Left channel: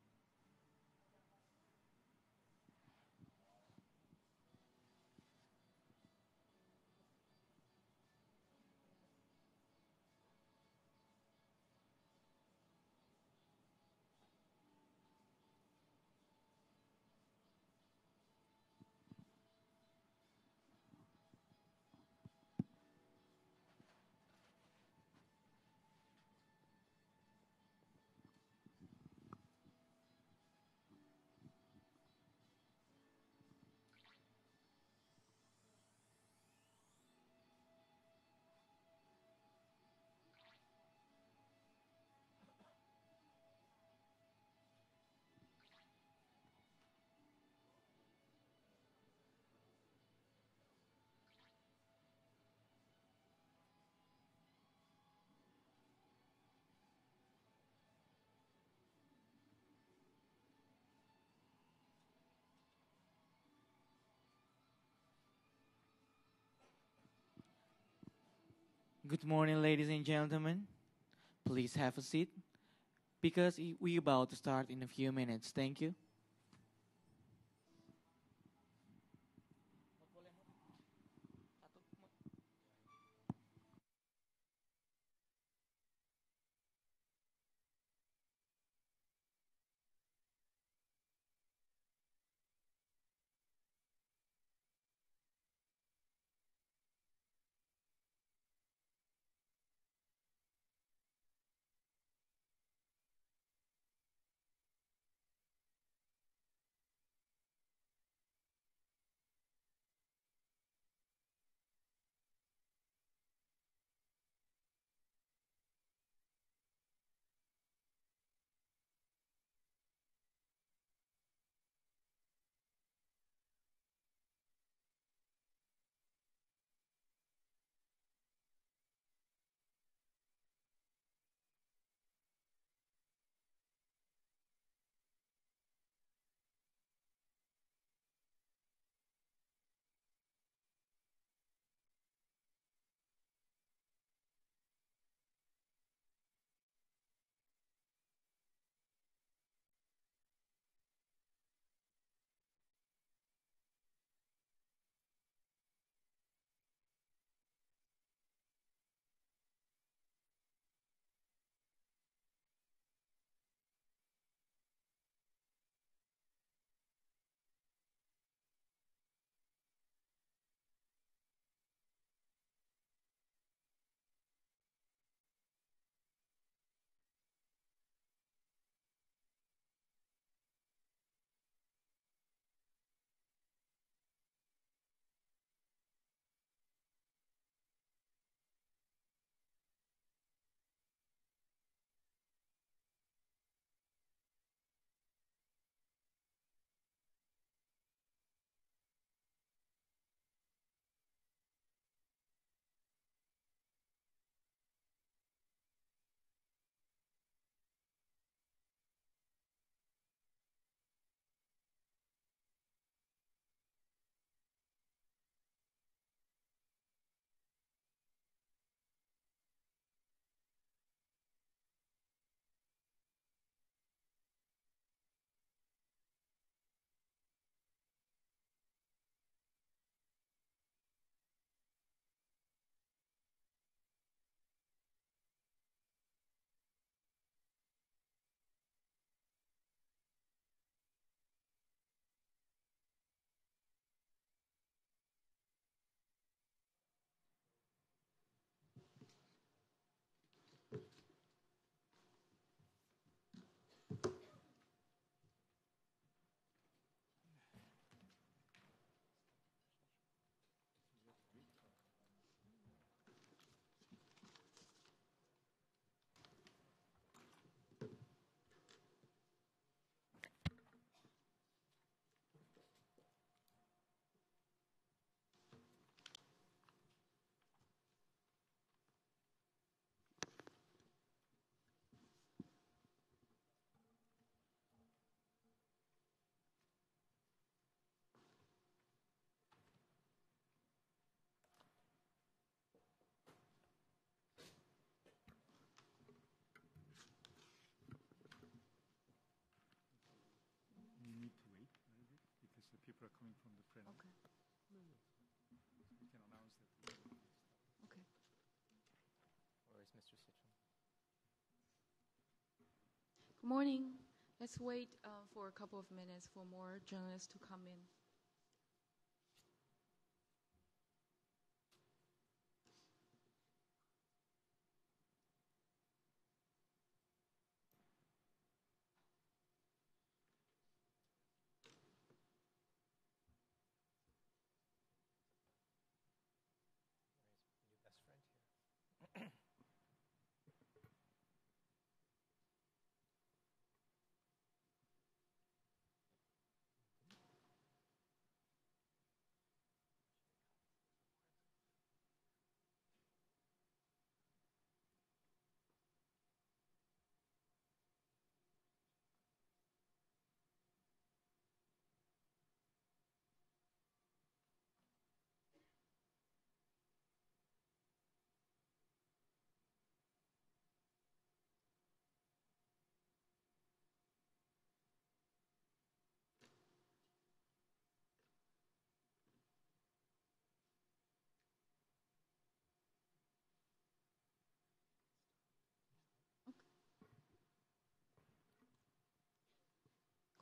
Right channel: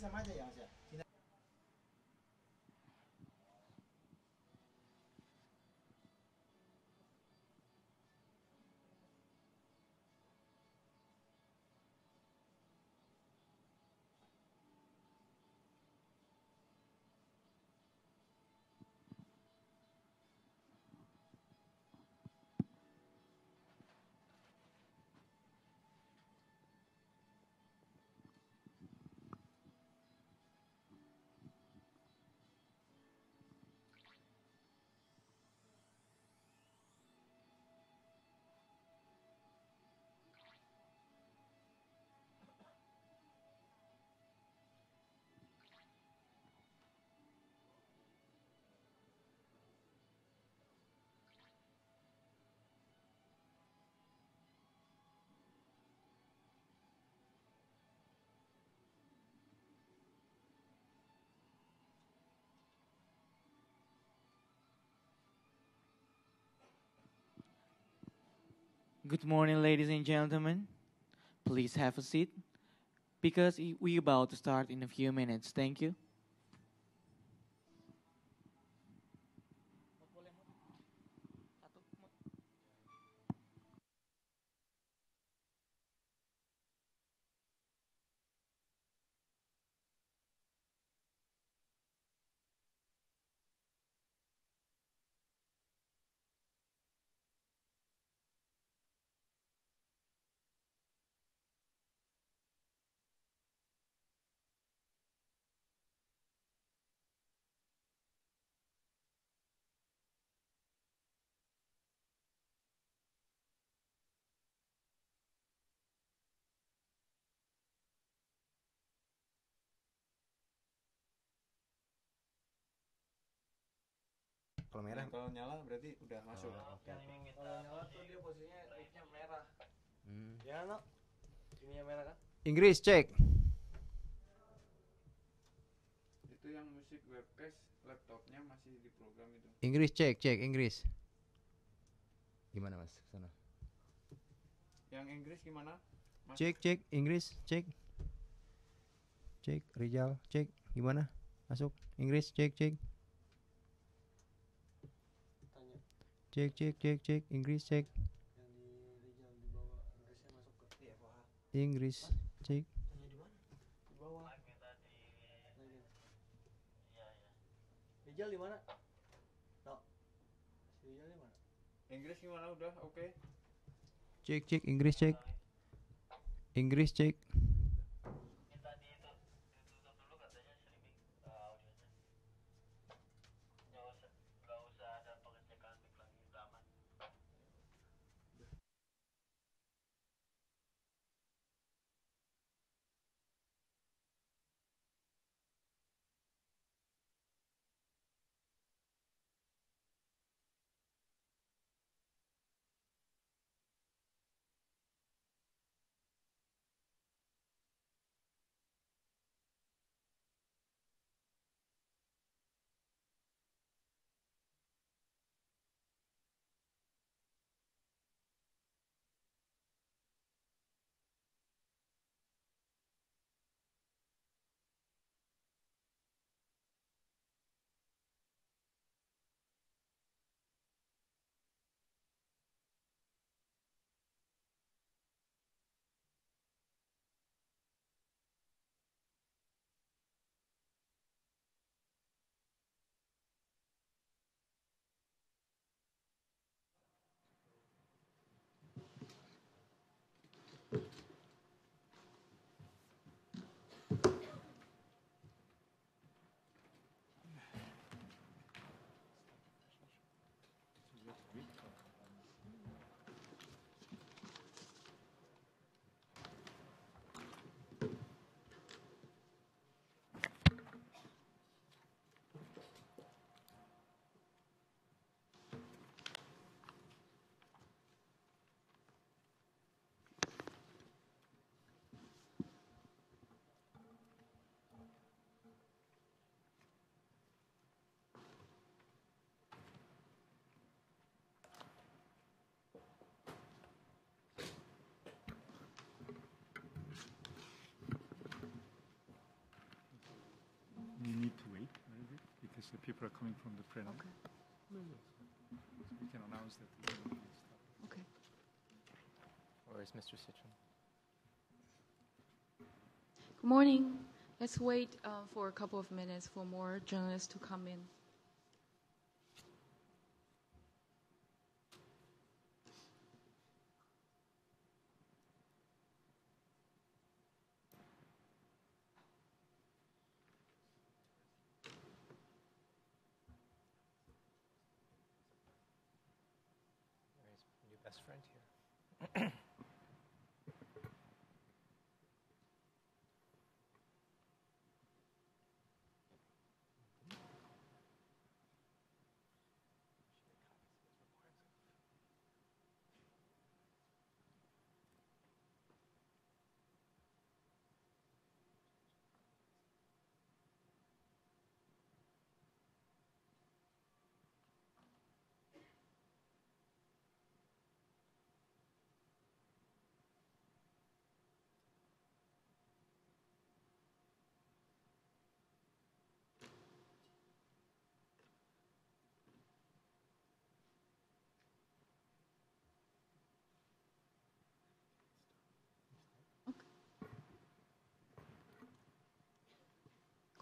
Sama aja ya Mas ya. Good morning, ladies and gentlemen. Please have a seat because we about to start in a few minutes. Thank you. Kalau merah, Kalau nyala berarti udah masuk. oke. Kalau nyala tuh dia posisinya mic-nya merah. Hmm. Ya, no? Ininya merah kan? Inggris cek. Itu yang musik webcast laptopnya masih di program itu. Inggris cek Inggris. Gimana Mas? Sana. Yang Inggris gimana? Masuk. Cek Inggris cek. Cek Rizal cek gimana? Masuk Inggris cek. Tanya. Cek Inggris cek. Yang di Rijal di bawah Inggrisnya masuk ke IFOH. Inggris cek. Tanya di mana? Di bawah. Rijal di mana? Tok. Si Rijal di mana? Inggris gimana udah oke? Cek Inggris cek. Inggris cek. people are coming from the plenary. Okay. We can announce that. Okay. Where is Mr. Citron? Good morning. Let's wait for a couple of minutes for more journalists to come in. Where is your best friend here?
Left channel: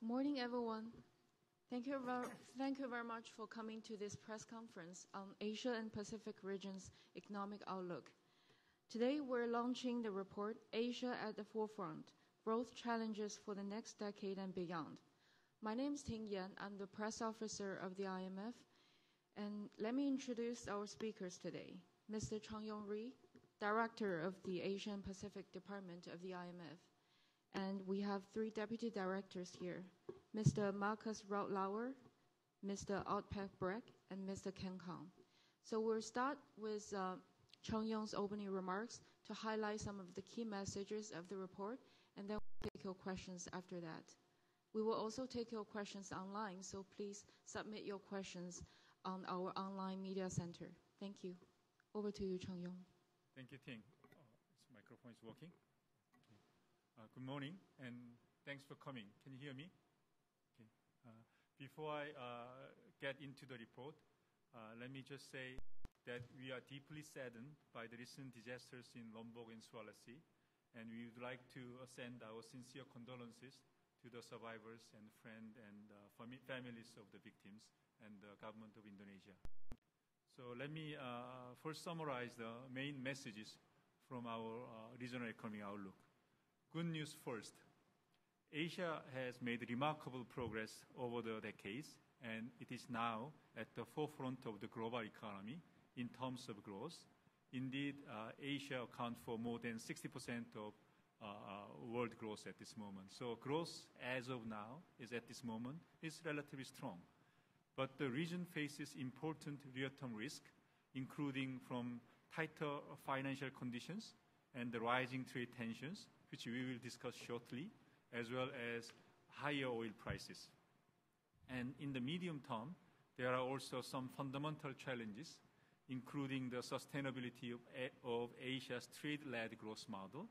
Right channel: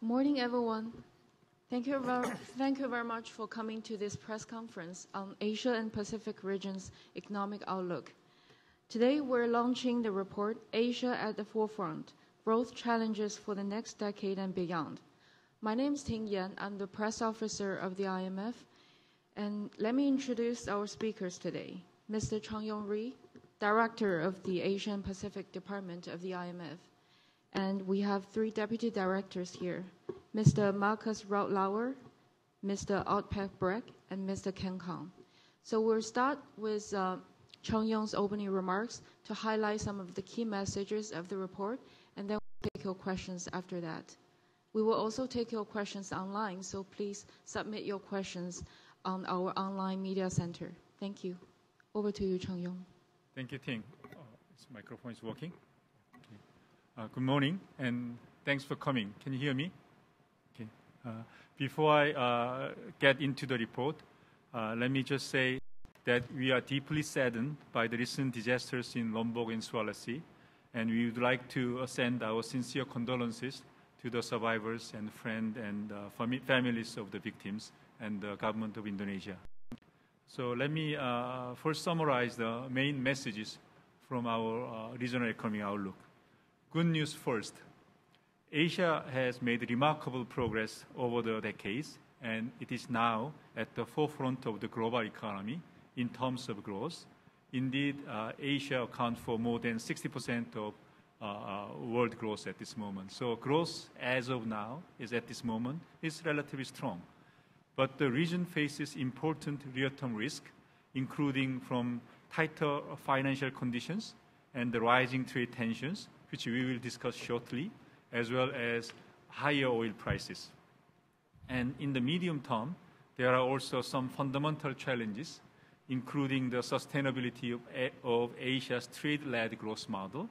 Good morning, everyone. Thank you very much for coming to this press conference on Asia and Pacific region's economic outlook. Today, we're launching the report, Asia at the Forefront, Growth Challenges for the Next Decade and Beyond. My name is Ting Yan. I'm the press officer of the IMF. And let me introduce our speakers today. Mr. Chang Yong-ri, Director of the Asia and Pacific Department of the IMF. And we have 3 deputy directors here, Mr. Marcus Rautlauer, Mr. Outpac Breck, and Mr. Ken Kang. So we'll start with Chang Yong's opening remarks to highlight some of the key messages of the report, and then we'll take your questions after that. We will also take your questions online, so please submit your questions on our online media center. Thank you. Over to you, Chang Yong. Thank you, Ting. This microphone is working. Good morning, and thanks for coming. Can you hear me? Okay. Before I get into the report, let me just say that we are deeply saddened by the recent disasters in Lombok and Sulawesi, and we would like to send our sincere condolences to the survivors and friends and families of the victims and the government of Indonesia. So let me first summarize the main messages from our regional economic outlook. Good news first. Asia has made remarkable progress over the decades, and it is now at the forefront of the global economy in terms of growth. Indeed, Asia accounts for more than 60% of world growth at this moment. So growth as of now is at this moment is relatively strong. But the region faces important real-term risk, including from tighter financial conditions and the rising trade tensions, which we will discuss shortly, as well as higher oil prices. And in the medium term, there are also some fundamental challenges, including the sustainability of Asia's trade-led growth model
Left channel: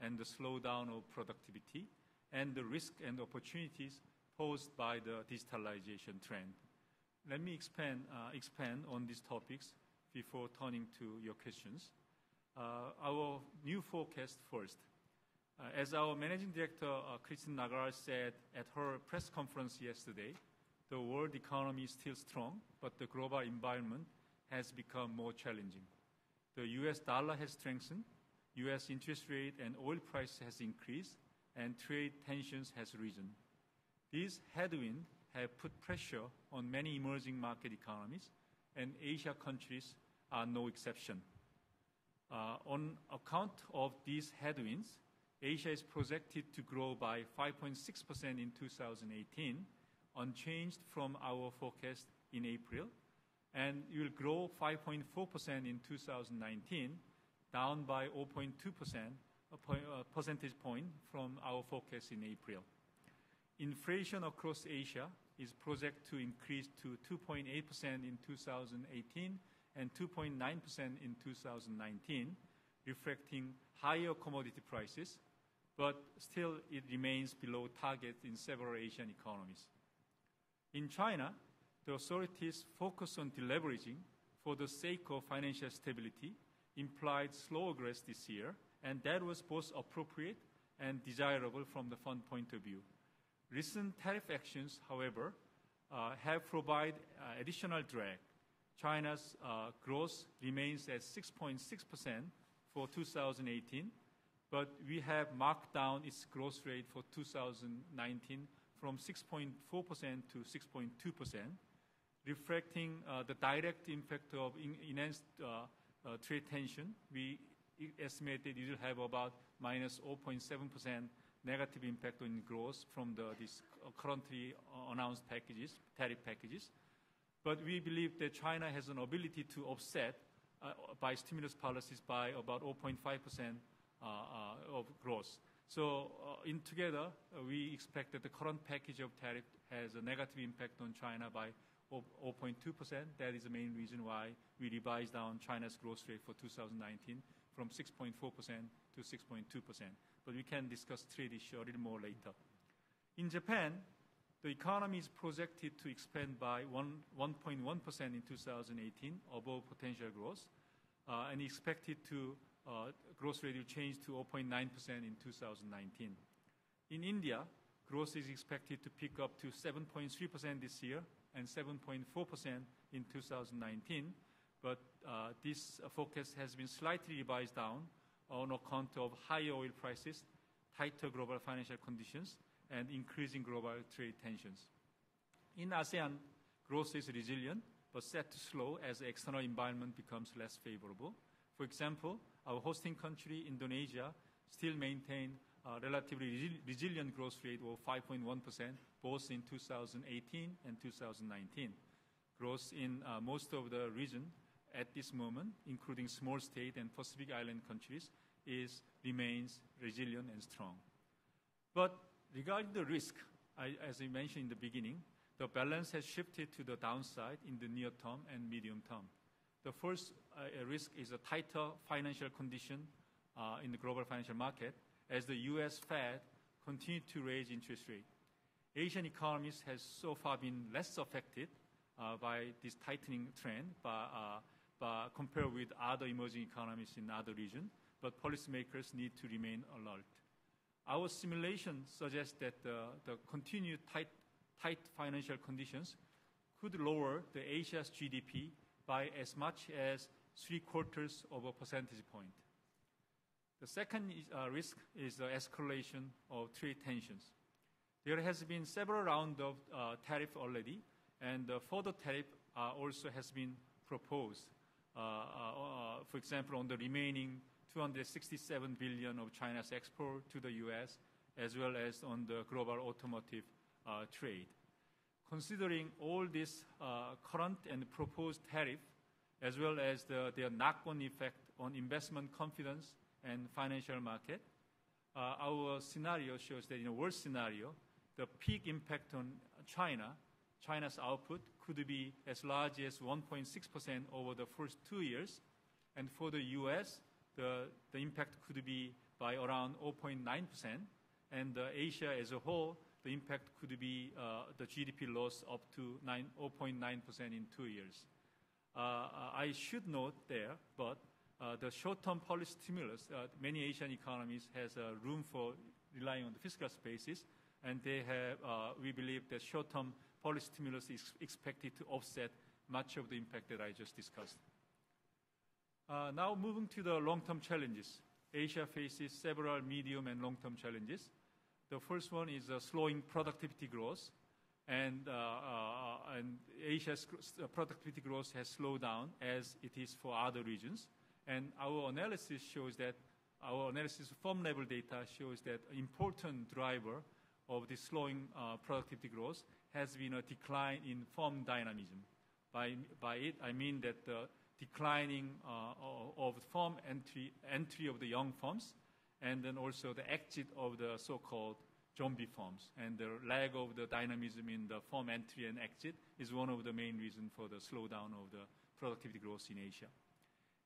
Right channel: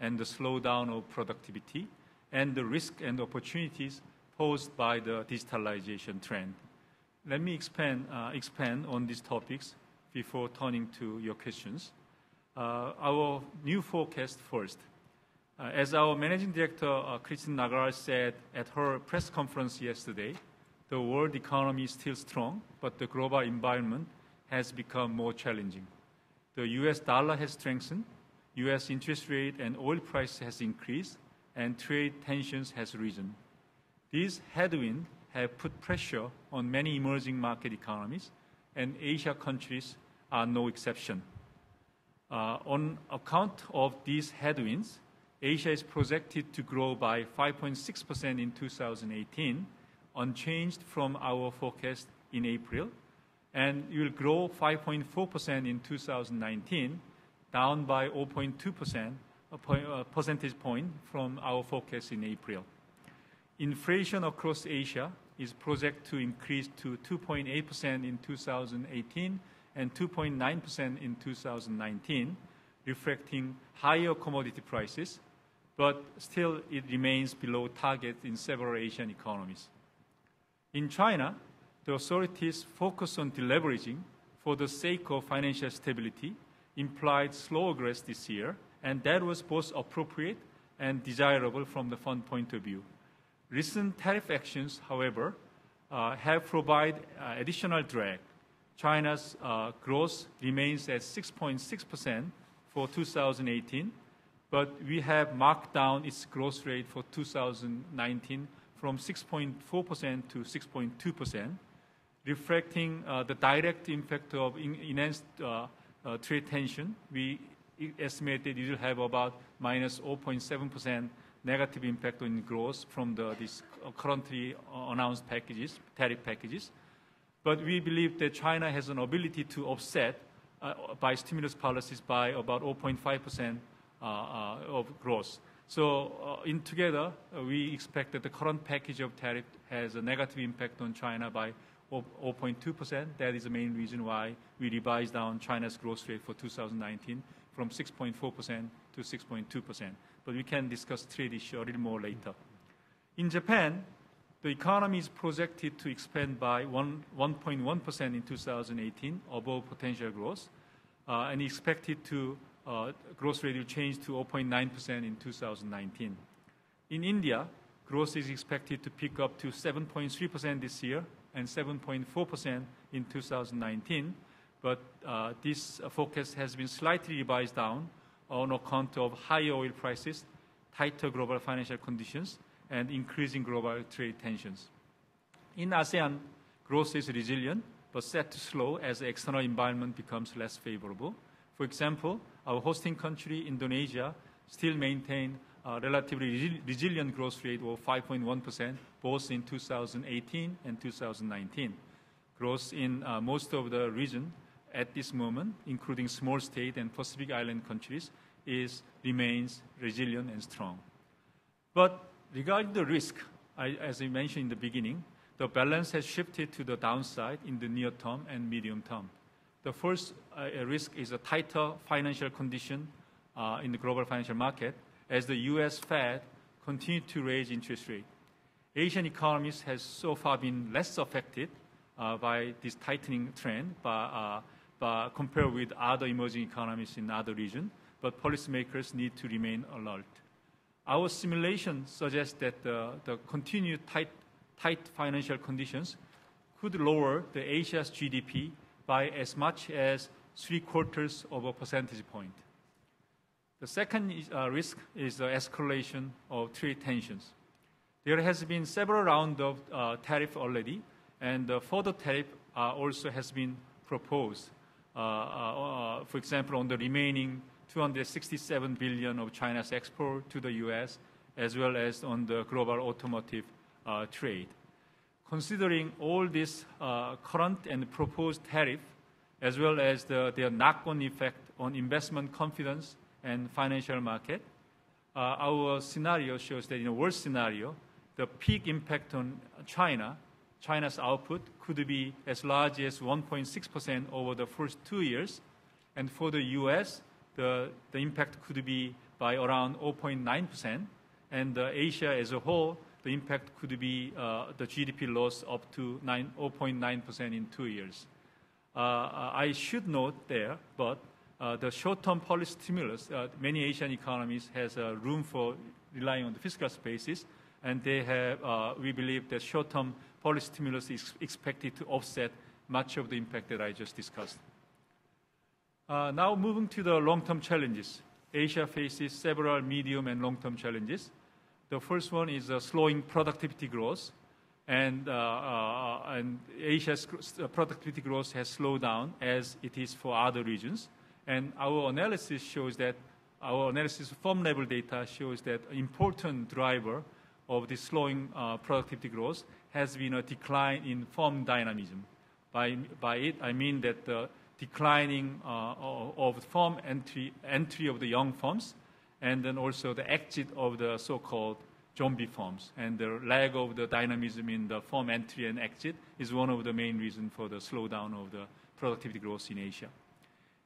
and the slowdown of productivity, and the risk and opportunities posed by the digitalization trend. Let me expand on these topics before turning to your questions. Our new forecast first. As our Managing Director, Christine Lagarde, said at her press conference yesterday, the world economy is still strong, but the global environment has become more challenging. The US dollar has strengthened, US interest rate and oil price has increased, and trade tensions has risen. These headwinds have put pressure on many emerging market economies, and Asia countries are no exception. On account of these headwinds, Asia is projected to grow by 5.6% in 2018, unchanged from our forecast in April, and it will grow 5.4% in 2019, down by 0.2%, a percentage point from our forecast in April. Inflation across Asia is projected to increase to 2.8% in 2018 and 2.9% in 2019, reflecting higher commodity prices, but still it remains below target in several Asian economies. In China, the authorities' focus on deleveraging for the sake of financial stability implied slower growth this year, and that was both appropriate and desirable from the fund point of view. Recent tariff actions, however, have provided additional drag. China's growth remains at 6.6% for 2018, but we have marked down its growth rate for 2019 from 6.4% to 6.2%, reflecting the direct impact of enhanced trade tension. We estimated it will have about minus 0.7% negative impact on growth from these currently announced tariff packages. But we believe that China has an ability to offset by stimulus policies by about 0.5% of growth. So in together, we expect that the current package of tariff has a negative impact on China by 0.2%. That is the main reason why we revised down China's growth rate for 2019 from 6.4% to 6.2%. But we can discuss trade issue a little more later. In Japan, the economy is projected to expand by 1.1% in 2018, above potential growth, and expected to growth rate will change to 0.9% in 2019. In India, growth is expected to pick up to 7.3% this year and 7.4% in 2019, but this forecast has been slightly revised down on account of higher oil prices, tighter global financial conditions, and increasing global trade tensions. In ASEAN, growth is resilient, but set to slow as the external environment becomes less favorable. For example, our hosting country, Indonesia, still maintain a relatively resilient growth rate of 5.1%, both in 2018 and 2019. Growth in most of the region at this moment, including small state and Pacific Island countries, remains resilient and strong. But regarding the risk, as I mentioned in the beginning, the balance has shifted to the downside in the near term and medium term. The first risk is a tighter financial condition in the global financial market as the U.S. Fed continued to raise interest rate. Asian economies has so far been less affected by this tightening trend compared with other emerging economies in other regions, but policymakers need to remain alert. Our simulation suggests that the continued tight financial conditions could lower the Asia's GDP by as much as 0.75 percentage point. The second risk is the escalation of trade tensions. There has been several rounds of tariff already, and further tariff also has been proposed. For example, on the remaining 267 billion of China's export to the U.S., as well as on the global automotive trade. Considering all this current and proposed tariff, as well as their knock-on effect on investment confidence and financial market, our scenario shows that in a worst scenario, the peak impact on China's output could be as large as 1.6% over the first 2 years, and for the U.S., the impact could be by around 0.9%, and Asia as a whole, the impact could be the GDP loss up to 0.9% in 2 years. I should note there, but the short-term policy stimulus, many Asian economies has room for relying on the fiscal spaces, and they have, we believe that short-term policy stimulus is expected to offset much of the impact that I just discussed. Now moving to the long-term challenges. Asia faces several medium and long-term challenges. The first one is slowing productivity growth, and Asia's productivity growth has slowed down as it is for other regions. And our analysis firm level data shows that an important driver of the slowing productivity growth has been a decline in firm dynamism. By it, I mean that the declining of firm entry of the young firms, and then also the exit of the so-called zombie firms. And the lack of the dynamism in the firm entry and exit is one of the main reasons for the slowdown of the productivity growth in Asia.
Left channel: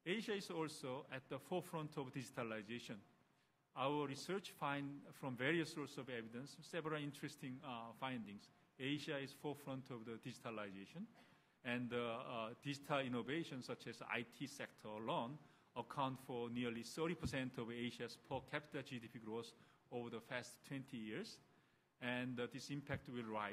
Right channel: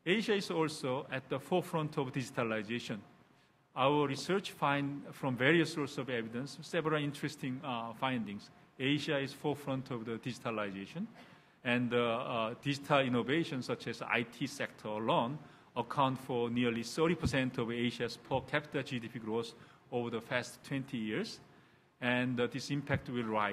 Asia is also at the forefront of digitalization. Our research finds from various sources of evidence several interesting findings. Asia is forefront of the digitalization, and digital innovation such as IT sector alone account for nearly 30% of Asia's per capita GDP growth over the past 20 years. And this impact will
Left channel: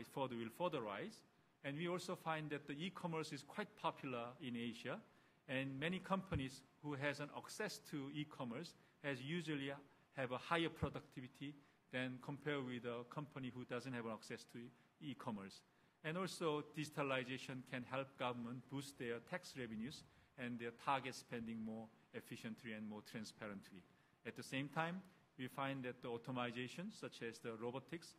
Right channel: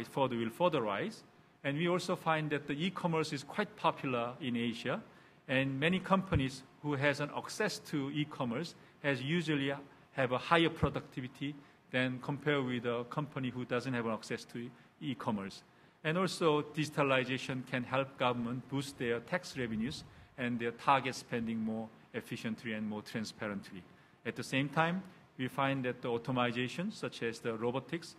further rise. And we also find that the e-commerce is quite popular in Asia, and many companies who has an access to e-commerce has usually have a higher productivity than compared with a company who doesn't have access to e-commerce. And also, digitalization can help government boost their tax revenues and their target spending more efficiently and more transparently. At the same time, we find that the automation, such as the robotics,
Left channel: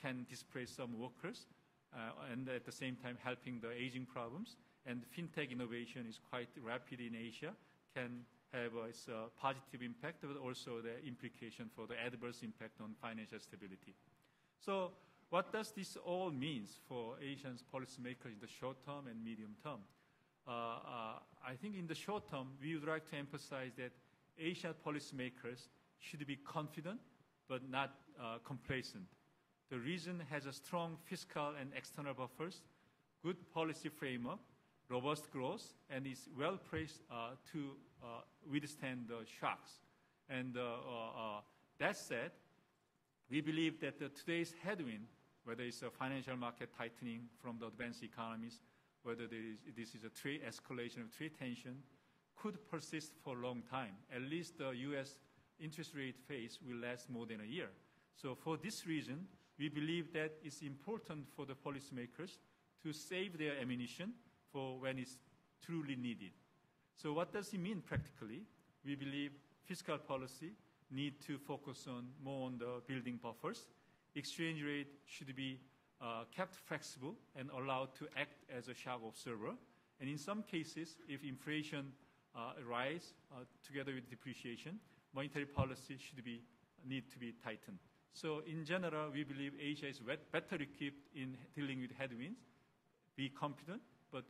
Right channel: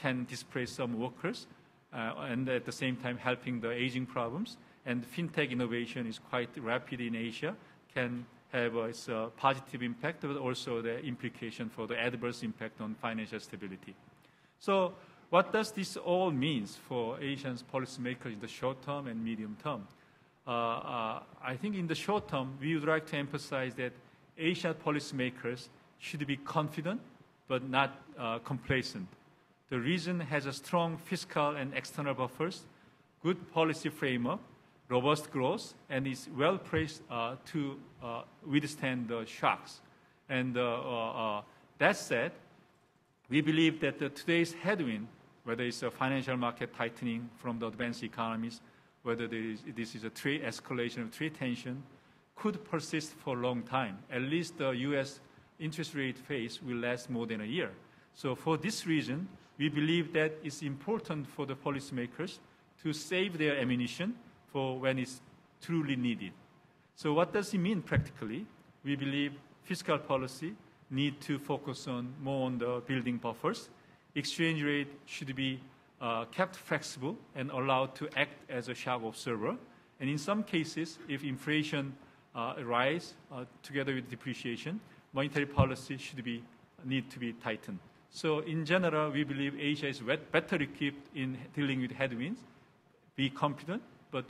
can displace some workers, and at the same time helping the aging problems. And fintech innovation is quite rapid in Asia, can have its positive impact, but also the implication for the adverse impact on financial stability. So what does this all mean for Asian policymakers in the short term and medium term? I think in the short term, we would like to emphasize that Asian policymakers should be confident but not complacent. The region has a strong fiscal and external buffers, good policy framework, robust growth, and is well placed to withstand the shocks. And that said, we believe that today's headwind, whether it's a financial market tightening from the advanced economies, whether this is a trade escalation of trade tension, could persist for a long time. At least the U.S. interest rate phase will last more than a year. So for this reason, we believe that it's important for the policymakers to save their ammunition for when it's truly needed. So what does it mean practically? We believe fiscal policy need to focus more on the building buffers. Exchange rate should be kept flexible and allowed to act as a shock absorber. And in some cases, if inflation rise together with depreciation, monetary policy need to be tightened. So in general, we believe Asia is better equipped in dealing with headwinds. Be confident, but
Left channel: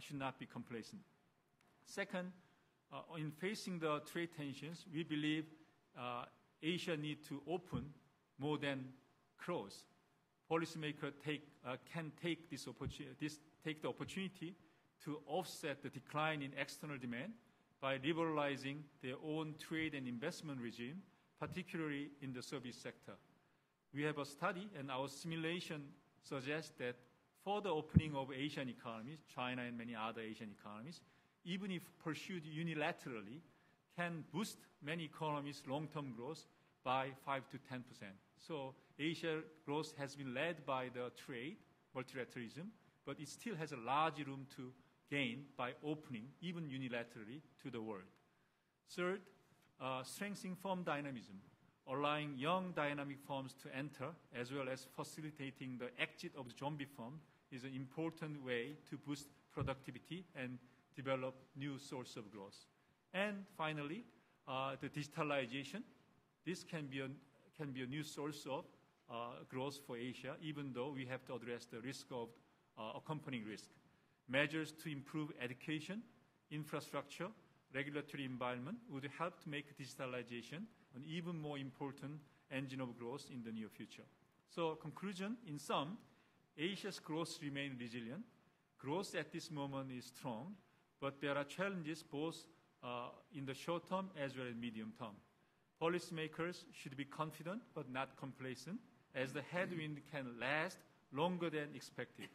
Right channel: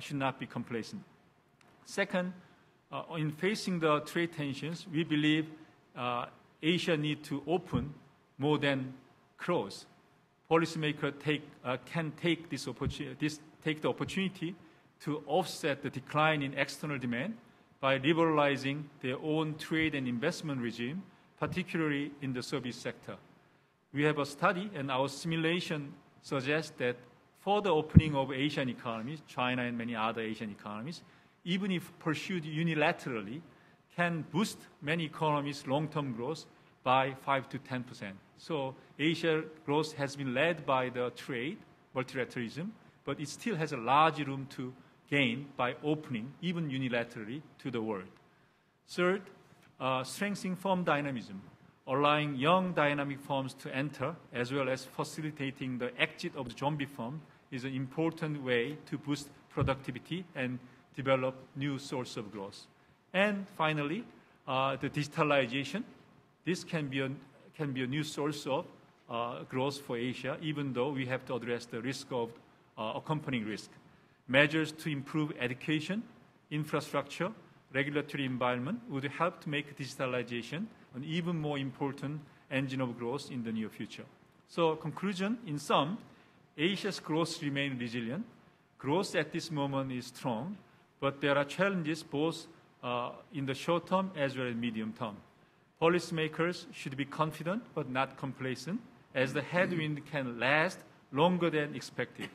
should not be complacent. Second, in facing the trade tensions, we believe Asia needs to open more than close. Policymakers can take the opportunity to offset the decline in external demand by liberalizing their own trade and investment regime, particularly in the service sector. We have a study, and our simulation suggests that for the opening of Asian economies, China and many other Asian economies, even if pursued unilaterally, can boost many economies' long-term growth by 5 to 10%. So Asia growth has been led by the trade, multilateralism, but it still has a large room to gain by opening, even unilaterally, to the world. Third, strengthening firm dynamism, allowing young dynamic firms to enter, as well as facilitating the exit of the zombie firm, is an important way to boost productivity and develop new source of growth. And finally, the digitalization. This can be a new source of growth for Asia, even though we have to address the risk of accompanying risk. Measures to improve education, infrastructure, regulatory environment would help to make digitalization an even more important engine of growth in the near future. So conclusion, in sum, Asia's growth remains resilient. Growth at this moment is strong, but there are challenges both in the short term as well as medium term. Policymakers should be confident but not complacent, as the headwind can last longer than expected.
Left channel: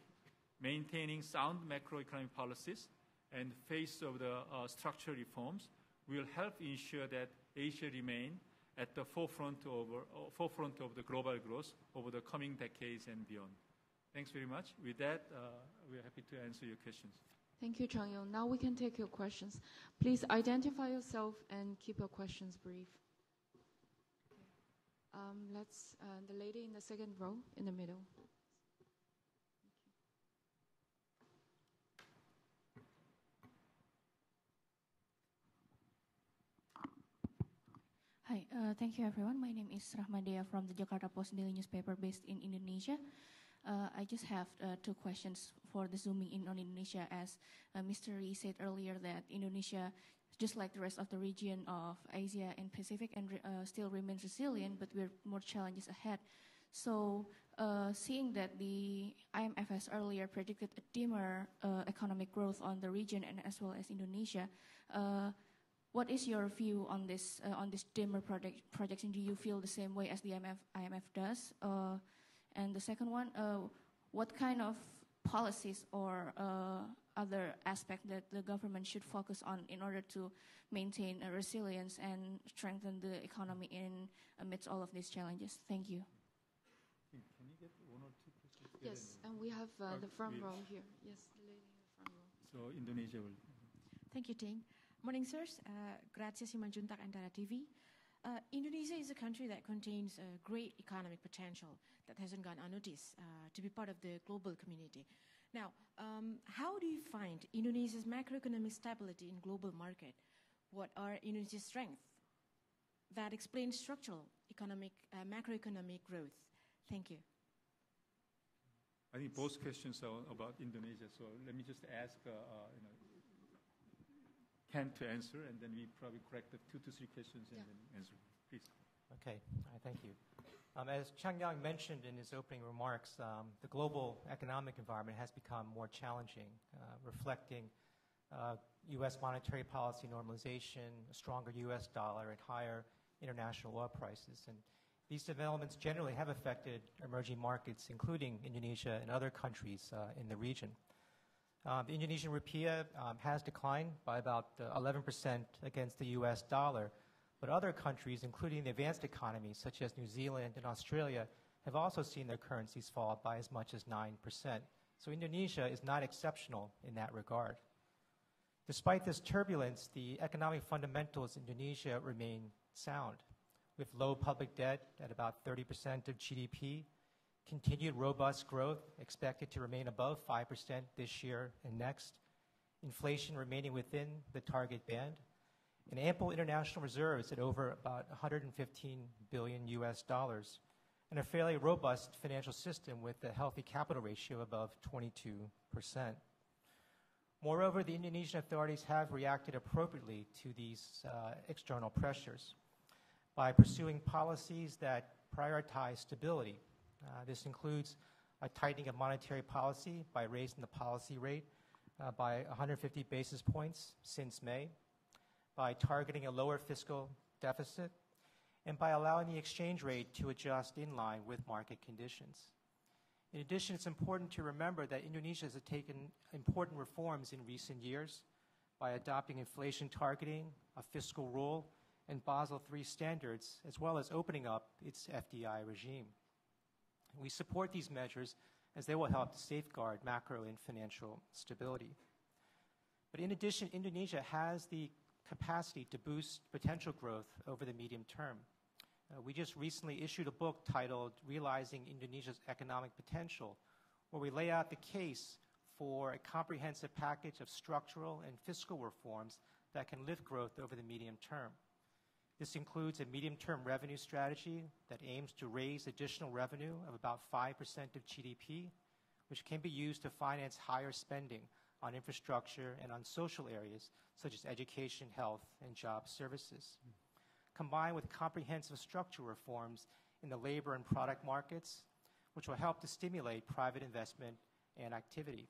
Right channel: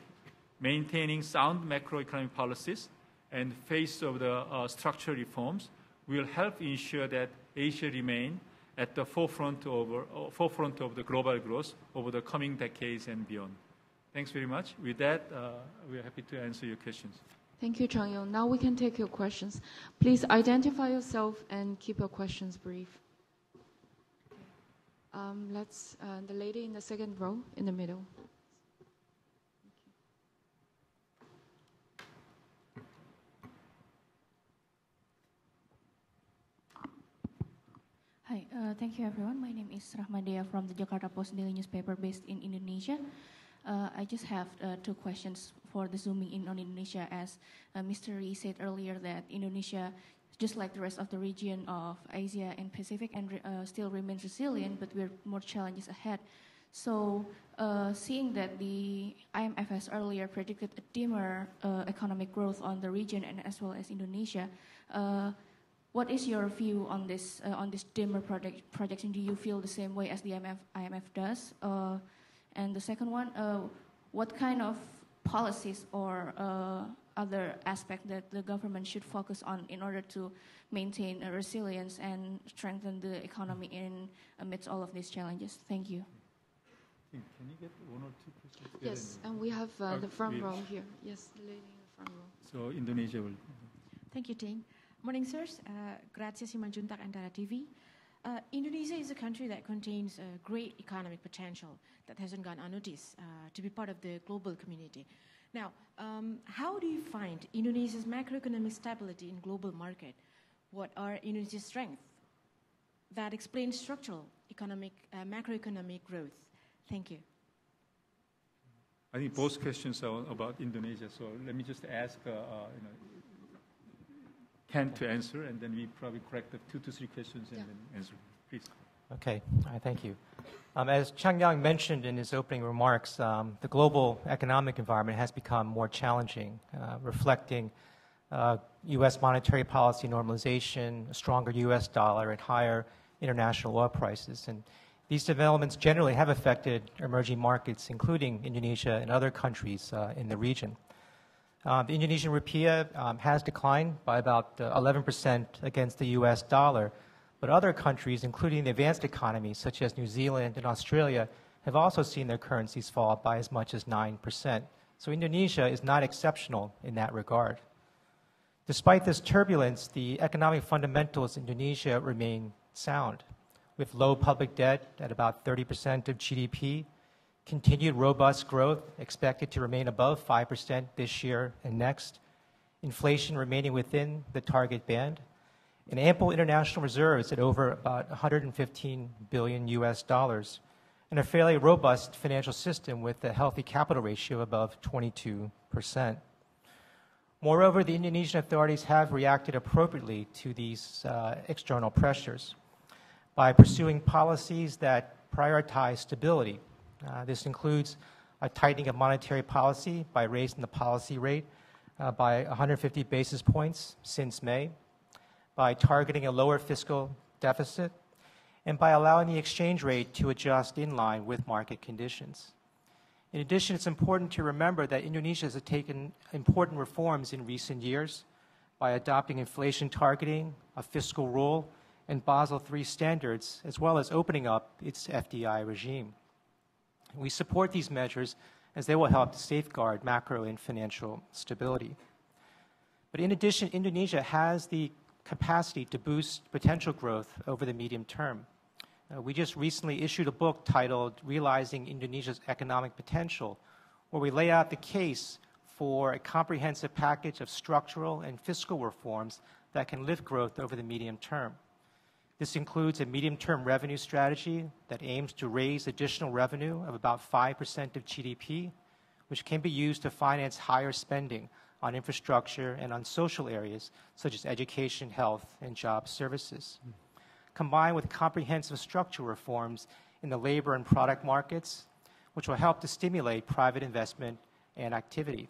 Maintaining sound macroeconomic policies and face of the structural reforms will help ensure that Asia remain at the forefront of the global growth over the coming decades and beyond. Thanks very much. With that, we are happy to answer your questions. Thank you, Chang-Yong. Now we can take your questions. Please identify yourself and keep your questions brief. The lady in the second row in the middle. Hi, thank you everyone. My name is Rahmadea from the Jakarta Post Daily newspaper based in Indonesia. I just have two questions for the zooming in on Indonesia. As Mr. Lee said earlier, that Indonesia, just like the rest of the region of Asia and Pacific, and still remains resilient, but with more challenges ahead. So, seeing that the IMF has earlier predicted a dimmer economic growth on the region and as well as Indonesia, what is your view on this dimmer projection? Do you feel the same way as the IMF does? And the second one, what kind of policies or other aspect that the government should focus on in order to maintain a resilience and strengthen the economy amidst all of these challenges? Thank you. Can you get one or two questions? Yes, and we have the front row here. Yes, the lady in the front row. So Indonesia will. Thank you, Ting. Morning, sirs. Grazie, Simanjuntak Antara TV. Indonesia is a country that contains great economic potential that hasn't gone unnoticed to be part of the global community. Now, how do you find Indonesia's macroeconomic stability in global market? What are Indonesia's strengths that explain structural macroeconomic growth? Thank you. I think both questions are about Indonesia, so let me just ask Ken to answer, and then we probably correct the 2 to 3 questions and then answer. Please. Okay, thank you. As Chang Yang mentioned in his opening remarks, the global economic environment has become more challenging, reflecting U.S. monetary policy normalization, a stronger U.S. dollar, and higher international oil prices. And these developments generally have affected emerging markets, including Indonesia and other countries in the region. The Indonesian rupiah has declined by about 11% against the U.S. dollar, but other countries, including the advanced economies such as New Zealand and Australia, have also seen their currencies fall by as much as 9%. So Indonesia is not exceptional in that regard. Despite this turbulence, the economic fundamentals in Indonesia remain sound, with low public debt at about 30% of GDP, continued robust growth expected to remain above 5% this year and next, inflation remaining within the target band, and ample international reserves at over about $115 billion US dollars, and a fairly robust financial system with a healthy capital ratio above 22%. Moreover, the Indonesian authorities have reacted appropriately to these external pressures by pursuing policies that prioritize stability. This includes a tightening of monetary policy by raising the policy rate by 150 basis points since May, by targeting a lower fiscal deficit, and by allowing the exchange rate to adjust in line with market conditions. In addition, it's important to remember that Indonesia has taken important reforms in recent years by adopting inflation targeting, a fiscal rule, and Basel III standards, as well as opening up its FDI regime. We support these measures as they will help to safeguard macro and financial stability. But in addition, Indonesia has the capacity to boost potential growth over the medium term. We just recently issued a book titled Realizing Indonesia's Economic Potential, where we lay out the case for a comprehensive package of structural and fiscal reforms that can lift growth over the medium term. This includes a medium-term revenue strategy that aims to raise additional revenue of about 5% of GDP, which can be used to finance higher spending on infrastructure and on social areas such as education, health, and job services, combined with comprehensive structural reforms in the labor and product markets, which will help to stimulate private investment and activity.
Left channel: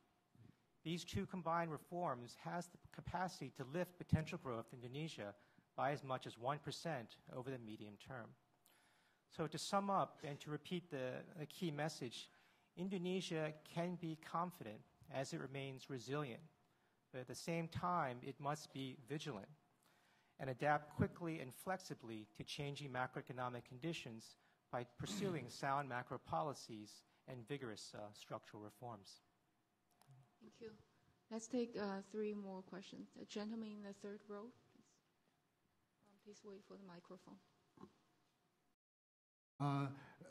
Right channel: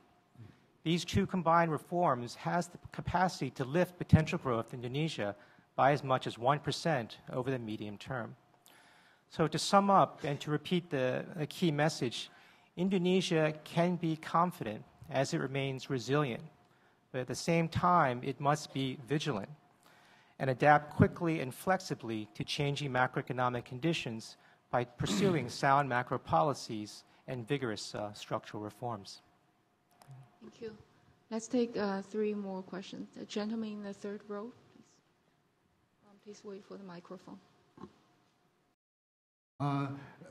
These two combined reforms has the capacity to lift potential growth in Indonesia by as much as 1% over the medium term. So to sum up and to repeat the key message, Indonesia can be confident as it remains resilient, but at the same time, it must be vigilant and adapt quickly and flexibly to changing macroeconomic conditions by pursuing sound macro policies and vigorous structural reforms. Thank you. Let's take 3 more questions. The gentleman in the third row, please. Please wait for the microphone.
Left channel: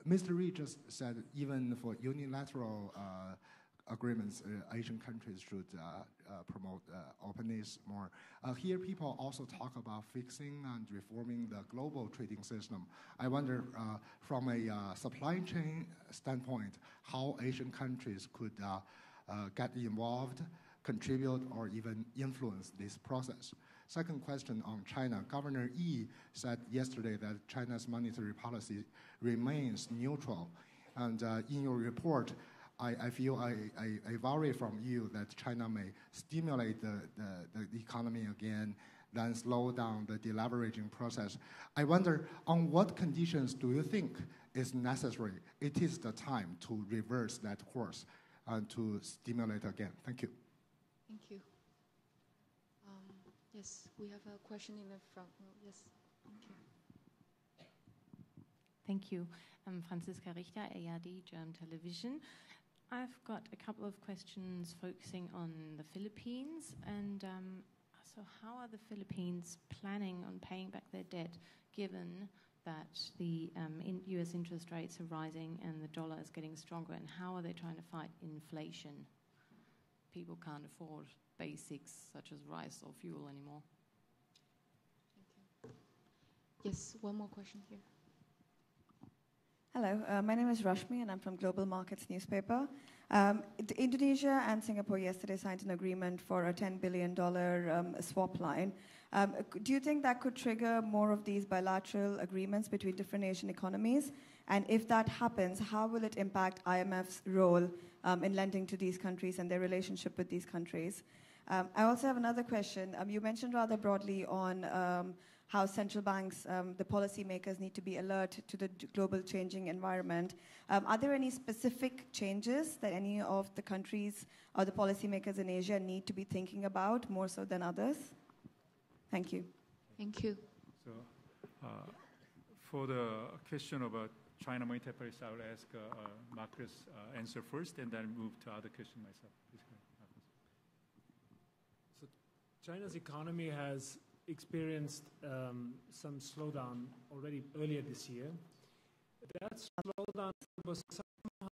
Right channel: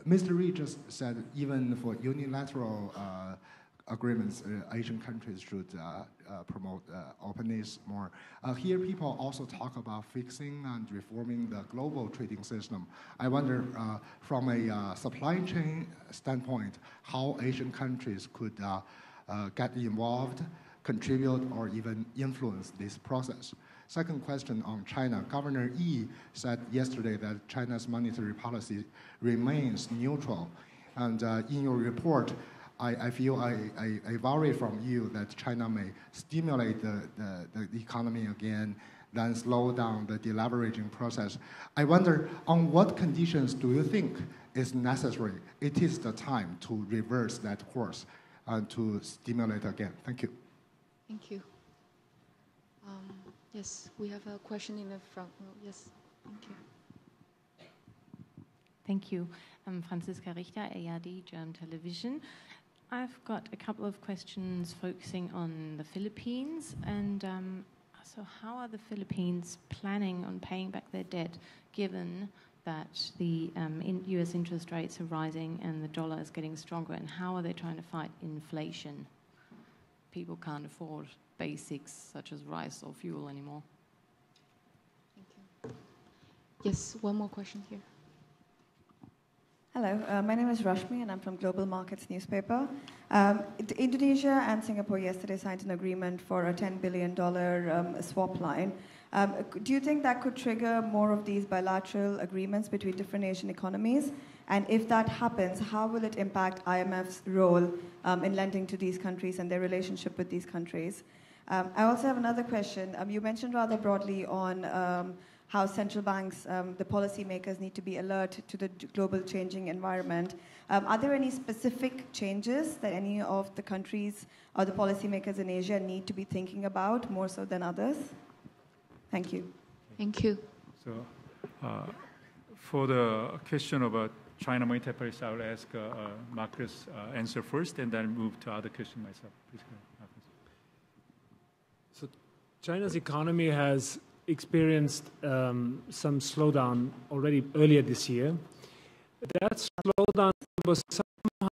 Mr. Lee just said even for unilateral agreements, Asian countries should promote openness more. Here, people also talk about fixing and reforming the global trading system. I wonder, from a supply chain standpoint, how Asian countries could get involved, contribute, or even influence this process. Second question on China. Governor Yi said yesterday that China's monetary policy remains neutral. And in your report, I feel I worry from you that China may stimulate the economy again, then slow down the deleveraging process. I wonder, on what conditions do you think is necessary? It is the time to reverse that course and to stimulate again. Thank you. Thank you. Yes, we have a question in the front row. Yes, thank you. Thank you. I'm Franziska Richter, ARD, German Television. I've got a couple of questions focusing on the Philippines. And so how are the Philippines planning on paying back their debt, given that the US interest rates are rising and the dollar is getting stronger? And how are they trying to fight inflation? People can't afford basics such as rice or fuel anymore. Thank you. Yes, one more question here. Hello, my name is Rashmi and I'm from Global Markets newspaper. Indonesia and Singapore yesterday signed an agreement for a $10 billion swap line. Do you think that could trigger more of these bilateral agreements between different Asian economies? And if that happens, how will it impact IMF's role in lending to these countries and their relationship with these countries? I also have another question. You mentioned rather broadly on how central banks, the policymakers, need to be alert to the global changing environment. Are there any specific changes that any of the countries or the policymakers in Asia need to be thinking about more so than others? Thank you. Thank you. So, for the question about China monetary policy, I will ask Marcus answer first, and then move to other question myself. Please go ahead, Marcus. So, China's economy has experienced some slowdown already earlier this year. That slowdown was somehow